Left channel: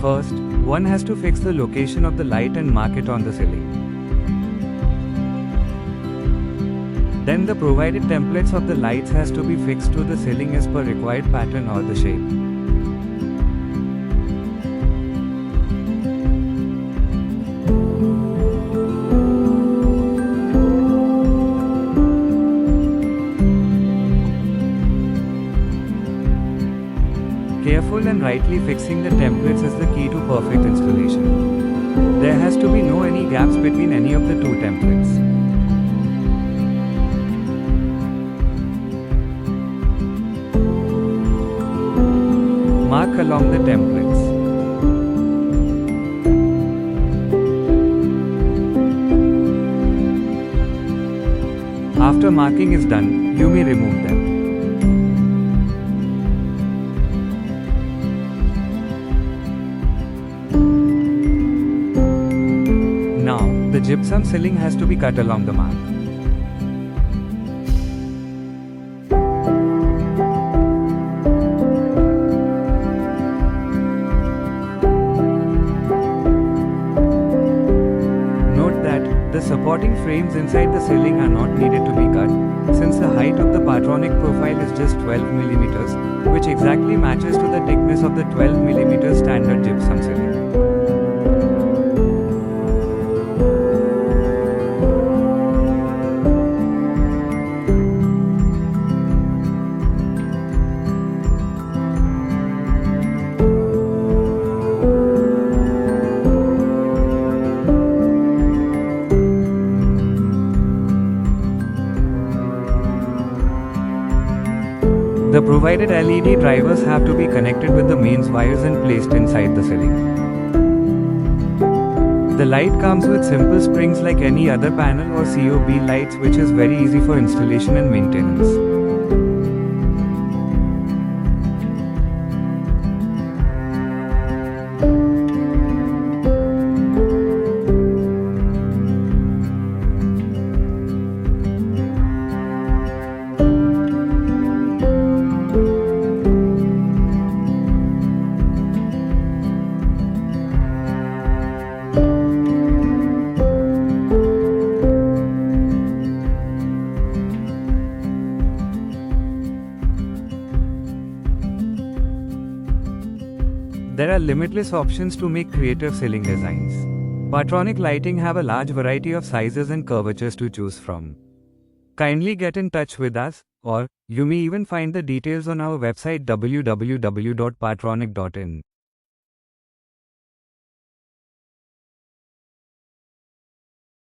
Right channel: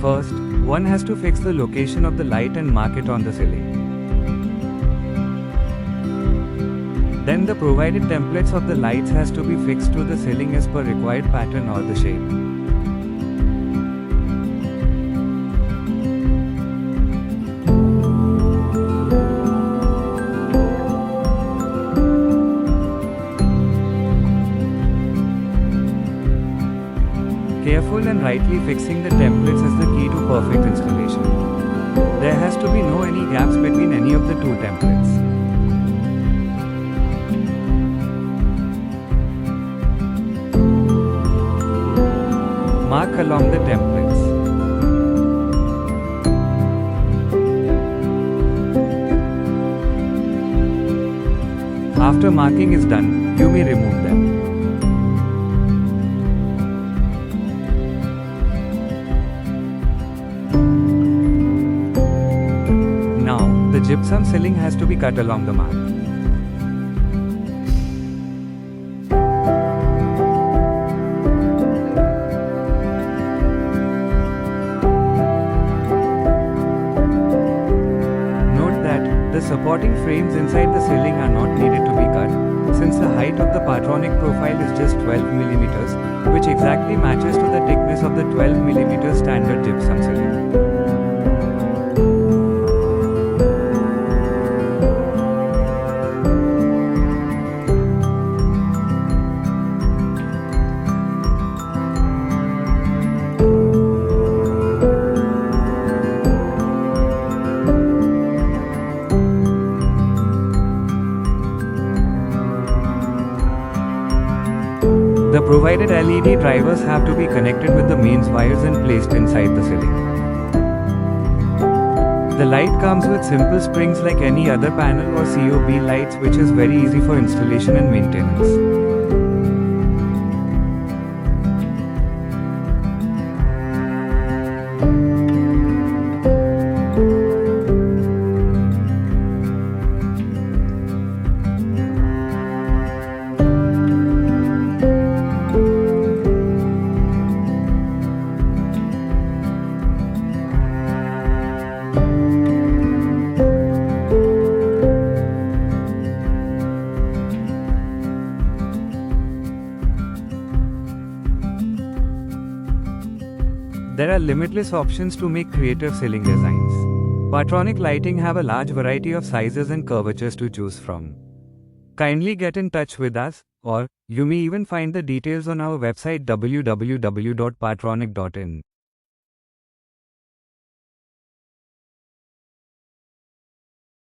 First, one has to fix the location of the light and mark it on the ceiling. Then the provided templates of the lights has to be fixed to the ceiling as per required pattern or the shape. Careful and rightly fixing the templates is the key to perfect installation. There has to be no any gaps between any of the two templates. Mark along the templates. After marking is done, you may remove them. Now, the gypsum ceiling has to be cut along the mark. Note that the supporting frames inside the ceiling are not needed to be cut, since the height of the Patronik profile is just 12 mm, which exactly matches to the thickness of the 12 mm standard gypsum ceiling. The provided LED drivers have to be connected with the mains wires and placed inside the ceiling. The light comes with simple springs like any other panel or COB lights, which is very easy for installation and maintenance. There are limitless options to make creative ceiling designs. Patronik lighting have a large variety of sizes and curvatures to choose from. Kindly get in touch with us, or you may even find the details on our website www.patronik.in.